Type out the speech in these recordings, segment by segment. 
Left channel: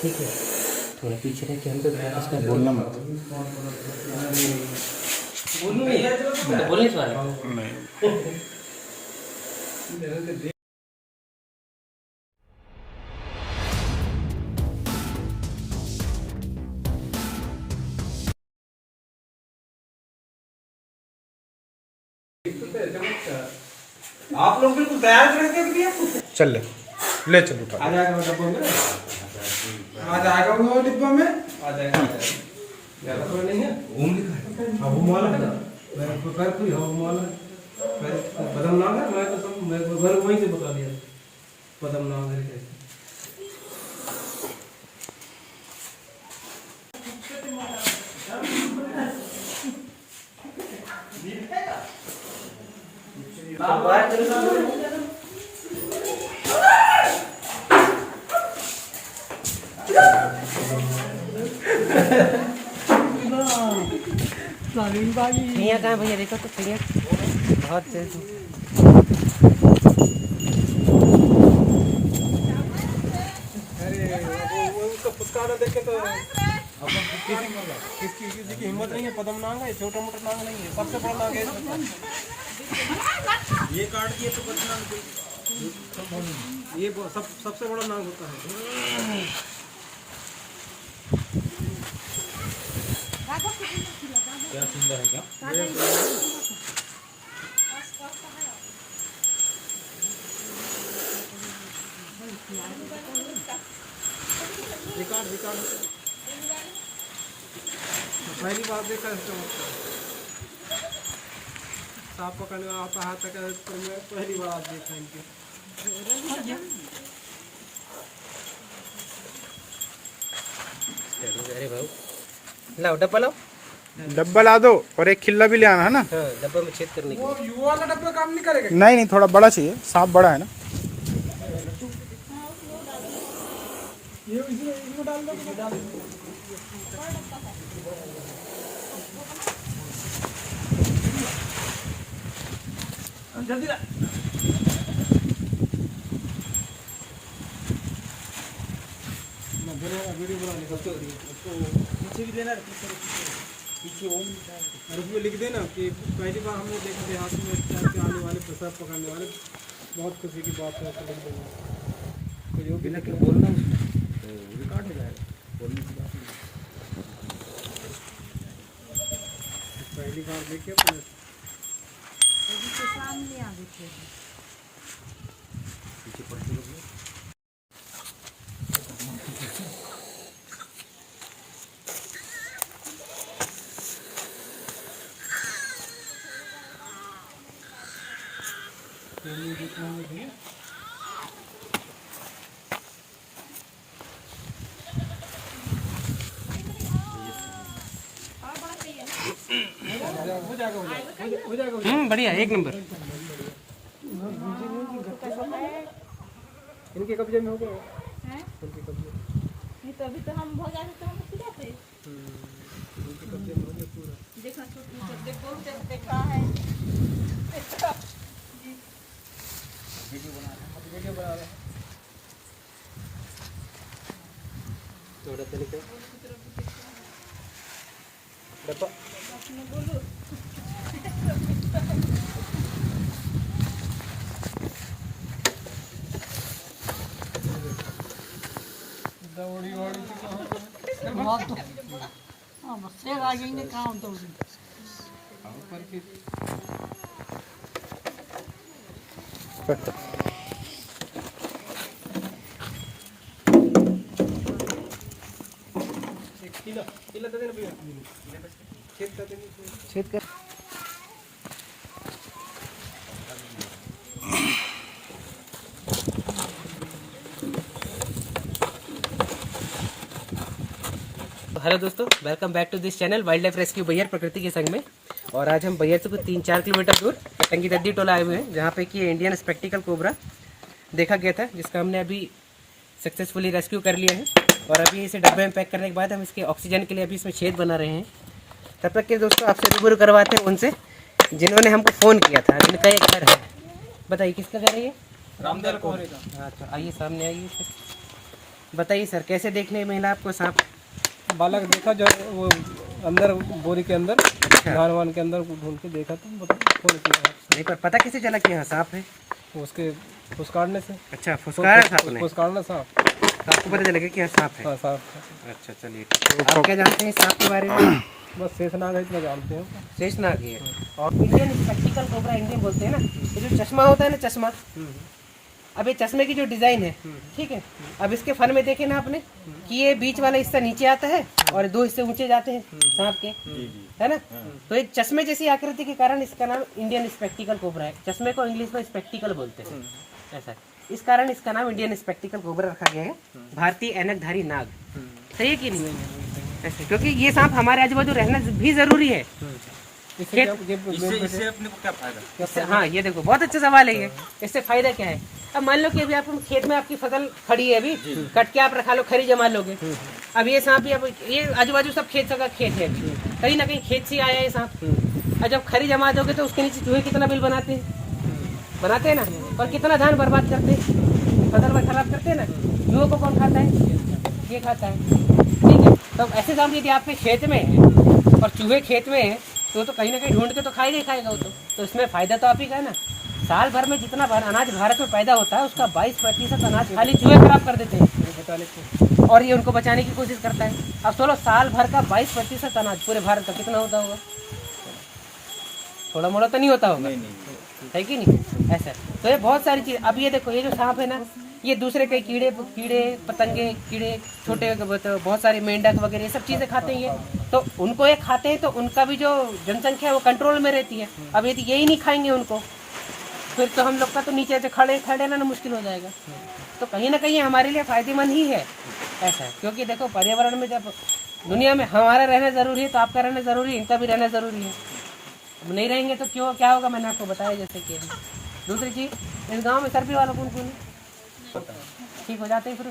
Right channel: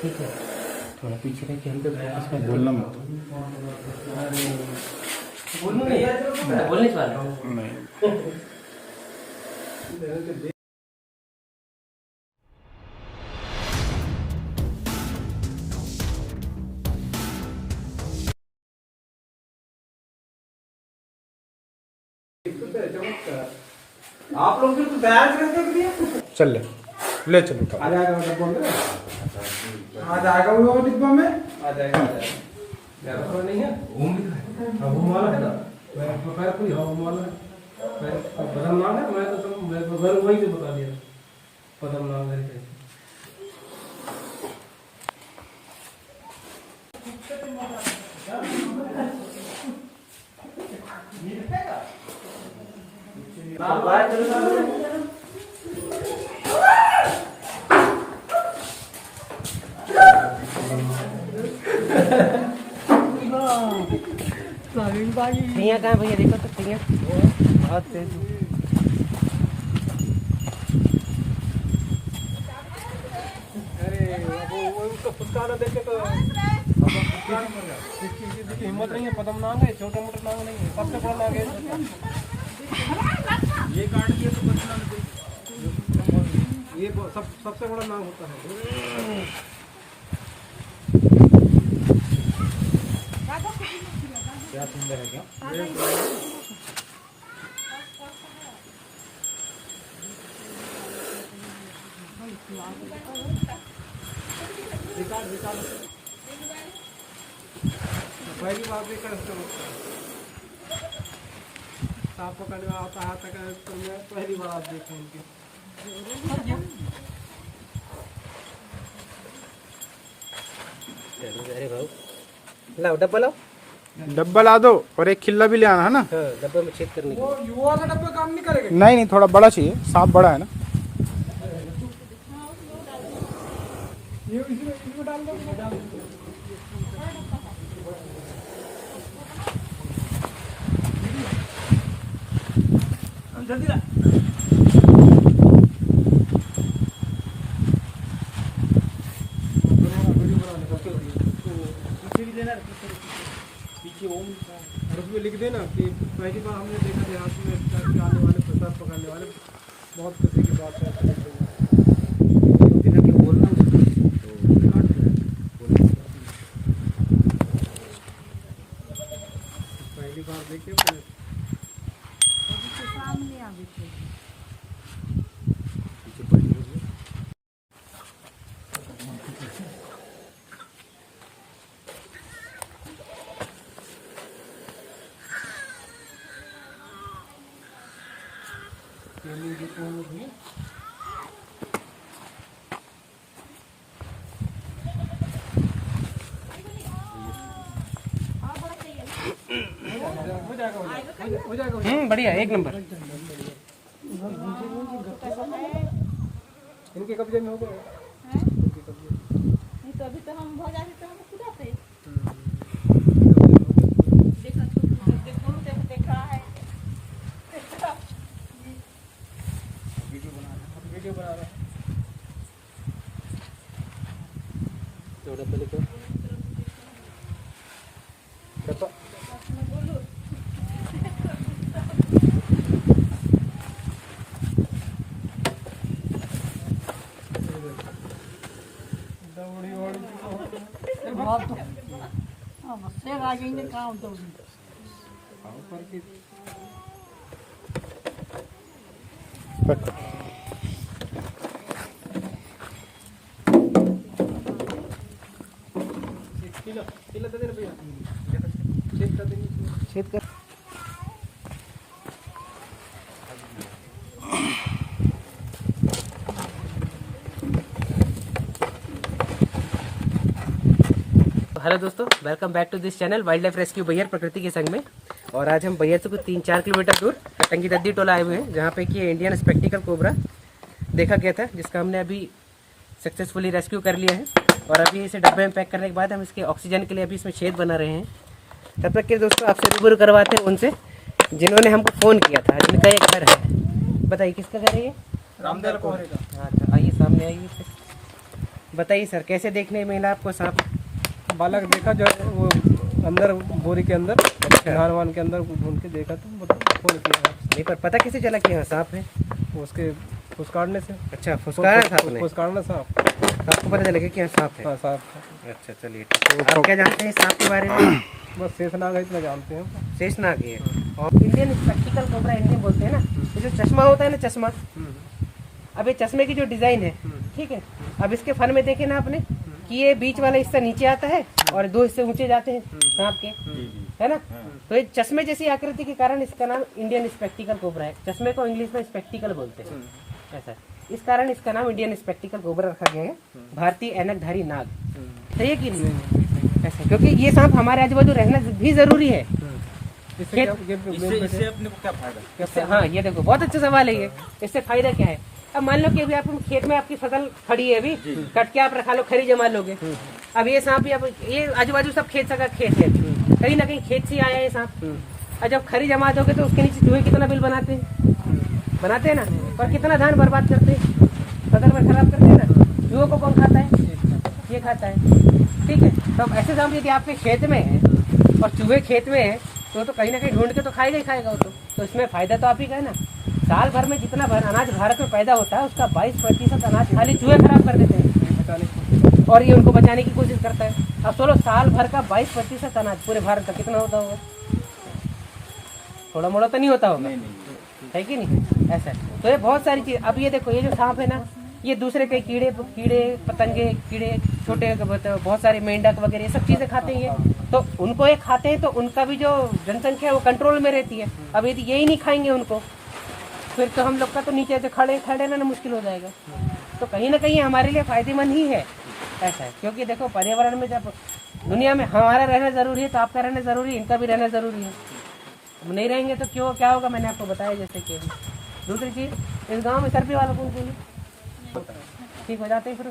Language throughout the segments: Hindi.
ठीक है, थोड़ा पीछे का क्या तो बोलना मत। बोलने वाला नहीं। आप लोग बिल्कुल तैयार करके दिया। चल ले चल उठा। आ जाएगा डब्बा में, आ जाएगा वो डिब्बा में, आ जाएगा। ज्यादा तो नहीं है, घूम वाला है ना, तो खैर कोई घूम वाला बदम नाम है। मैं तो सब मैं घर वहीं से बता दिया बदम नाम है। भैया कहाँ भैया देखो तो भैया बहुत तेज है। अरे वो उसका फुटकारा देखे तो किसी की हिम्मत नहीं है। पदम नांग है, छोटा मोटा नांग नहीं है, सबसे बड़ा नांग है। ये काट दिए तो ये सबसे बड़ा नांग होता है। क्या सुंदर है क्या? रिकॉर्ड पहली बार देखा सांप पकड़ने वाला आता हाथ तक पर मैं पहली बार आप देखा इनके। अरे भाऊ लाओ डब्बा लाओ, डब्बा ला दो और एक खिल्ला भी ले आना है ना। हाँ डब्बा में छेद करने के वो युवा का डब्बा काम नहीं करेगा। नहीं थोड़ा बड़ा चाहिए, सांप बड़ा है ना। ये इसमें डाल दो। जल्दी ला। पीछे लिख देना कि पहली बार हमने देखा देहात में इस टाइप के आने वाले पेशाब पकड़ने वाले, बहुत खुशी की बात है। पहली बार देखे सामने आ गए। बढ़िया एक नंबर। इनके कब्जे में हो गए। तो अभी तो हम भगा रहे थे, हम खुदा थे देखा है। तो डब्बा लिखो डब्बा। छेद कर। हेलो दोस्तों, welcome back to this channel wildlife rescue बैयर प्रकृति के संग में। और आज हम बैयर से कुछ 3-4 किलोमीटर दूर टंगी दद्दी टोला आए हुए हैं, जहाँ पे कि इंडियन स्पेक्टिकल कोबरा देखा गया था, जिसका हमने अभी सक्सेसफुली रेस्क्यू कर लिया है। और अभी इसे डब्बे में पैक करने के बाद हम इसके ऑक्सीजन के लिए अभी इसमें छेद बना रहे हैं। तब तक के दोस्तों आपसे रूबरू करवाते हैं उनसे जिन्होंने हमको फ़ोन किया था, जिनका एक घर है। बताइए किसका घर है ये? रामदेव कोहरे का। अच्छा आइए सामने आइए। बताइए सर, कैसे देखने में मिला आपको सांप? बालक देखा जो है वो अंदर बोरी के अंदर धान वान के अंदर ढूंढ के देखा तो फोन किया नहीं, पर पता कैसे चला कि यहाँ सांप है? उसके फुसकारने से। अच्छा, फुसकारा था आपने? फुसकारने सांप। आपको पता चला कि यहाँ सांप है? हाँ सांप। अच्छा चलिए, आप क्या जानते हैं सांप के बारे में? बस शेषनाग है इतना जानते हैं। शेषनाग है। और इंडियन स्पेक्टिकल कोबरा इंडियन बोलते हैं ना, ये जो चश्मा होता है ना, चश्मा, अब ये चश्मे की जो डिजाइन है, ठीक है, अब इसके फन में देखे ना आपने कि ये बीच वाला हिस्सा नीचे आता है और 2 हिस्से ऊंचे जाते हैं सांप के, है ना? तो ये चश्मे जैसी आकृति के कारण इसका नाम इंडियन स्पेक्टिकल कोबरा है। चश्मे को इंग्लिश में स्पेक्टिकल बोलते हैं, ऐसा, इस कारण इसका नाम इंडियन स्पेक्टिकल कोबरा रखा गया है, भारतीय ऐनकधारी नाग। सही है कि नहीं? ऐसे, क्योंकि ये सांप हमारे आजू बाजू रहना भी जरूरी है। इससे अपने को क्या फायदा? हाँ, ये देखो बहुत अच्छा सवाल है ये। इससे फायदा क्या है? अब मान लो कि अभी आप खेत में आपकी फसल खड़ी है, अभी कट के आप रखा लो, खरी जमा लोगे। अब ये सांप, अब ये आजू बाजू सब खेत का खेत है, कहीं ना कहीं खेत से आया है सांप। और जब खरी जमा दोगे तो उसके नीचे चूहे कितना बिल बनाते हैं ना, और कितना धान बर्बाद करते हैं, फसल में खराब करते हैं ना। चूहों को कौन खाता है? ये खाता है, ठीक है। तो ऐसे सांप यदि आपके खेत में है और चूहे खेत में है तो कहीं ना कहीं ढूंढ के तो खाएगा ही खाएगा वो तो इसमें फायदा तो आप ही का है ना। साल भर में जितना अनाज भारत में पैदा होता है उसका 22% अनाज खाली चूहे खराब कर देते हैं और ये उनको बचाने की कोशिश करता है। अब सोलो साल भर का 22% अनाज पूरे भारत का कितना होता होगा? थोड़ा मोड़ा तो नहीं होता होगा, है कि नहीं? ऐसा तो ये बहुत सारी चीज। अब ये देखो, ये जो सांप है ना, ये दूसरे कई कीड़े पतंगे, कीड़े छोटे, बहुत सारे मेंढक वगैरह ये सब चीजें खाते हैं ये, तो उनको ये खाते हैं तो उनका भी जो जनसंख्या है वो कंट्रोल में रहती है। अब यदि यही नहीं खाएंगे उनको, फिर तो हम लोग का तो नीचे से खड़े रहना मुश्किल हो जाएगा। तो कहीं ना कहीं हमारे लिए फायदेमंद ही है ऐसा है, क्योंकि देखो पर्यावरण में जब दुनिया में हमारा रहना जरूरी है तो आपका रहना जरूरी है, इनका भी रहना जरूरी है। अब नहीं रहेंगे तो क्यों क्या होगा? मैंने आपको बताया जैसे कि। दूसरी चीज, इस गाँव में सर्दी वाला कौन कौन है? ठीक हो जाते हैं फिर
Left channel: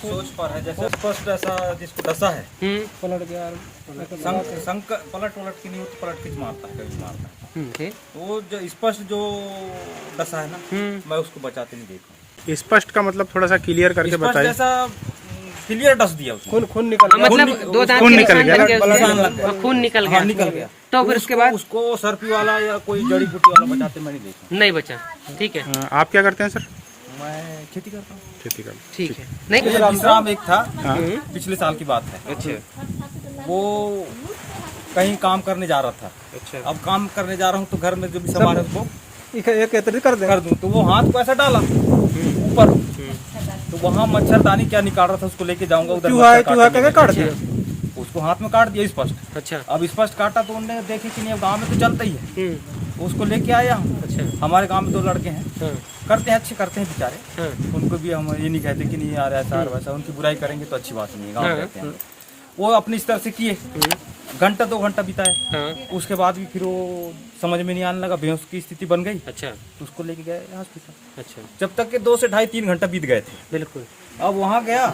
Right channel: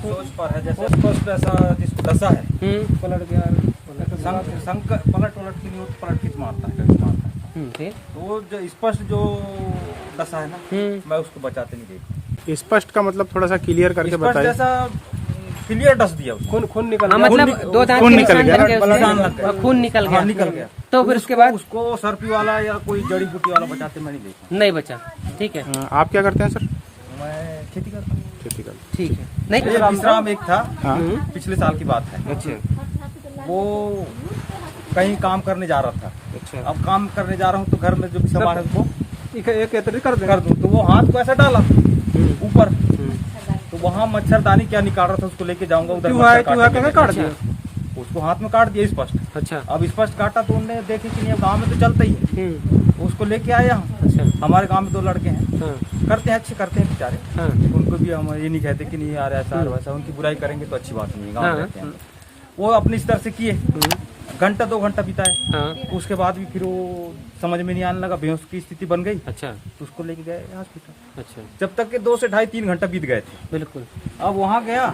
सोच पर है, जैसे ऐसा जिसको दशा है पलट गया, पलट की नहीं हो तो पलट के मारता है, कभी मारता है। तो वो जो स्पष्ट जो दशा है ना, मैं उसको बचाते नहीं देखा। स्पष्ट का मतलब थोड़ा सा क्लियर करके बताइए। जैसा क्लियर डस दिया उसको, खून निकल गया, मतलब खून निकल गया, खून निकल गया, निकल गया। तो फिर उसके बाद उसको सर्पी वाला या कोई जड़ी बूटी वाला बचाते मैं नहीं देखा, नहीं बचा। ठीक है, आप क्या करते हैं सर? मैं खेती करता हूँ। खेती कर, ठीक है। नहीं, विश्राम एक था, हाँ। पिछले साल की बात है। अच्छा, वो कहीं काम करने जा रहा था। अच्छा, अब काम करने जा रहा हूँ तो घर में जो भी सामान है उसको एकत्रित कर दूं, तो वो हाथ को ऐसा डाला ऊपर, तो वहाँ मच्छरदानी क्या निकाल रहा था, उसको लेके जाऊंगा उधर, मच्छर काट दिया, उसको हाथ में काट दिया स्पष्ट। अच्छा, अब स्पष्ट काटा तो उनने देखे कि नहीं, अब गाँव में तो चलता ही है, उसको लेके आया हम। अच्छा, हमारे गाँव में 2 लड़के हैं, करते हैं, अच्छे करते हैं बेचारे, उनको भी हम ये नहीं कहते कि नहीं यार ऐसा और वैसा, उनकी बुराई करेंगे तो अच्छी बात नहीं है, गाँव में रहते हैं। वो अपनी स्तर से किए, घंटा 2 घंटा बिताए, उसके बाद भी फिर वो समझ में नहीं आने लगा, बेहोश की स्थिति बन गई। अच्छा, तो उसको लेके गए हॉस्पिटल। अच्छा, जब तक के 2 से ढाई 3 घंटा बीत गए थे। बिल्कुल। अब वहाँ गया,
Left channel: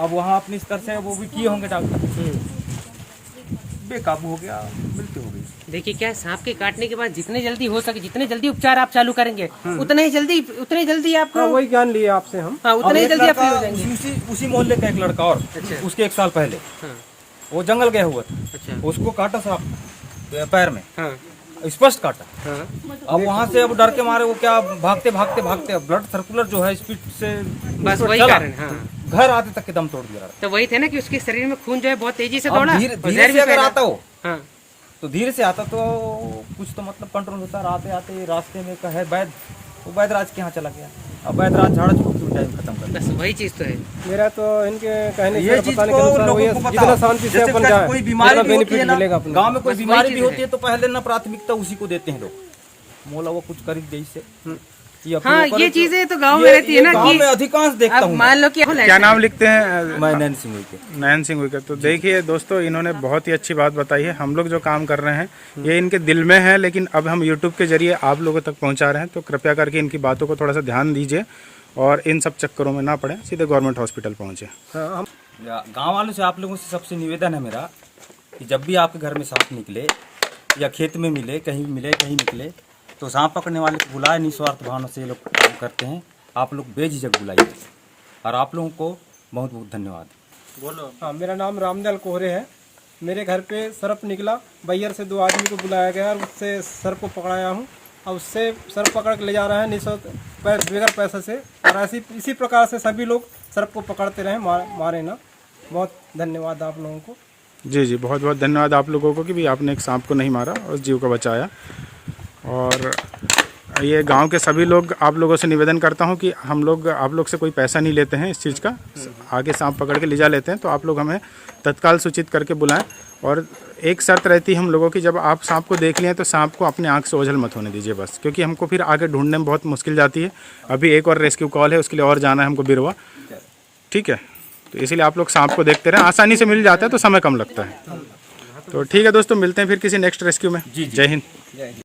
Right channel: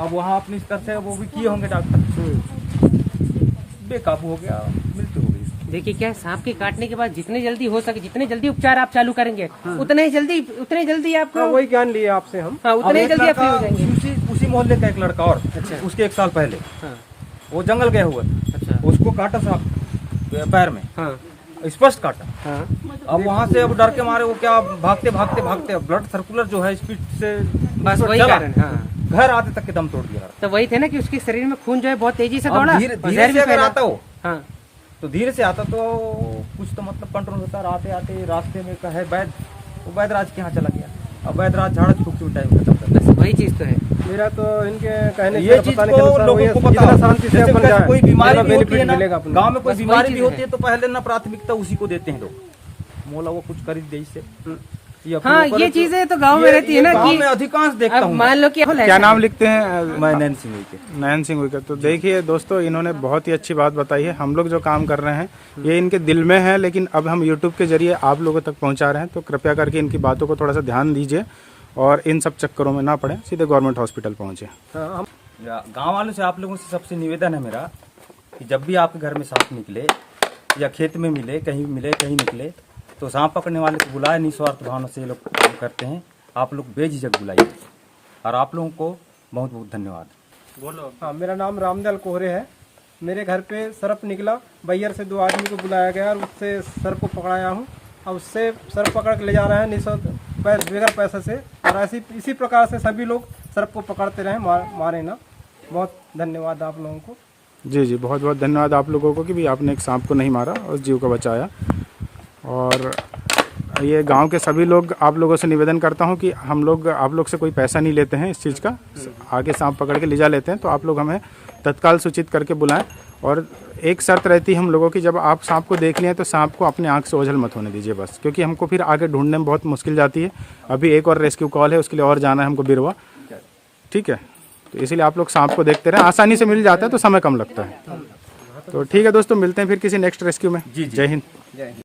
अब वहाँ अपनी स्तर से वो भी किए होंगे डॉक्टर, बेकाबू हो गया, मृत्यु हो गई। देखिए क्या है, सांप के काटने के बाद जितने जल्दी हो सके, जितने जल्दी उपचार आप चालू करेंगे उतने जल्दी आपको वही ज्ञान लिए आपसे हम। हाँ, उतने ही जल्दी आप फ्री हो जाएंगे। उसी मोहल्ले का एक लड़का और उसके 1 साल पहले वो जंगल गया हुआ था, अच्छा, उसको काटा सांप पैर में, हाँ, स्पष्ट काटा। हाँ, अब वहाँ से अब डर के मारे वो क्या भागते ब्लड सर्कुलर जो है स्पीड से बस वही चला, कारण, हाँ। घर आते तक के दम तोड़ दिया। तो वही थे ना कि उसके शरीर में खून जो है बहुत तेजी से अब दौड़ा, धीरे से अगर आता हो, हाँ, तो धीरे से आता तो कुछ तो मतलब कंट्रोल होता है। आते आते रास्ते में का है वैद, वो वैदराज के यहाँ चला गया। अब वैदराज झाड़ फूक टाइम खत्म कर बस वही चीज तो है। मेरा तो इनके कहने से बताने के अनुसार वही है, जितना शांति से अपन जाए, कोई बीमारी बेनिफिट मिलेगा। गाँव में कोई बीमारी भी होती है तो पहले ना प्राथमिकता उसी को देते हैं लोग, मोला वो कुछ कर दे इससे। हाँ, ये चीजें तो गांव में रहती है ना, गांव में अधिकांश देखता हूँ। मान लो कि क्या नाम लिखते हैं? मैं नैन सिंह हुई के। नयन सिंह हुई के। तो देखिए दोस्तों, इन्होंने बहुत ही अच्छी बात बताई है। हम लोग जो काम कर रहे हैं ये इनके दिल में है, लेकिन अब हम यूट्यूब के जरिए आप लोगों तक पहुंचा रहे हैं, तो कृपया करके इनकी बातों को थोड़ा सा ध्यान दीजिए और इन सब चक्करों में ना पड़े, सीधे गवर्नमेंट हॉस्पिटल पहुंचे। गाँव वालों से आप लोगों से सबसे निवेदन है मेरा कि जब भी आपके घर में सांप निकले या खेत में मिले, कहीं निकले, तो सांप पकड़ने वाले को बुलाए, निस्वार्थ भावना से ये लोग काम करते हैं। आप लोग बेझिझक बुलाइए और आप लोगों को बहुत बहुत धन्यवाद। बोलो। हाँ, मेरा नाम रामदयाल कोहरे है। मेरे घर पे सर्प निकला, बैयर से 2 आदमी को बुलाया गया और उससे सर्प को पकड़ाया हूँ और उससे सर्प पकड़ के ले जा रहे हैं निःशुल्क बगैर पैसे से। और इसी प्रकार से सभी लोग सर्प को पकड़ते रहे, मारे ना। बहुत धन्यवाद आप लोगों को। जी जी, बहुत बहुत धन्यवाद आप लोगों को कि भी आपने एक सांप को नहीं मारा और जीव को बचाया। और ये गांव के सभी लोग, आप लोगों से निवेदन करता हूं कि हम लोग आप लोग से कोई पैसा नहीं लेते हैं इस चीज़ का। आगे सांप पकड़ के ले जा लेते हैं तो आप लोग हमें तत्काल सूचित करके बुलाएं। और एक शर्त रहती है हम लोगों की, जब आप सांप को देख लें तो सांप को अपने आँख से ओझल मत होने दीजिए बस, क्योंकि हमको फिर आगे ढूंढने में बहुत मुश्किल जाती है। अभी एक और रेस्क्यू कॉल है, उसके लिए और जाना है हमको बिरवा। ठीक है, तो इसीलिए आप लोग सांप को देखते रहें, आसानी से मिल जाता है तो समय कम लगता है। तो ठीक है दोस्तों, मिलते हैं फिर किसी नेक्स्ट रेस्क्यू में। जय हिंद।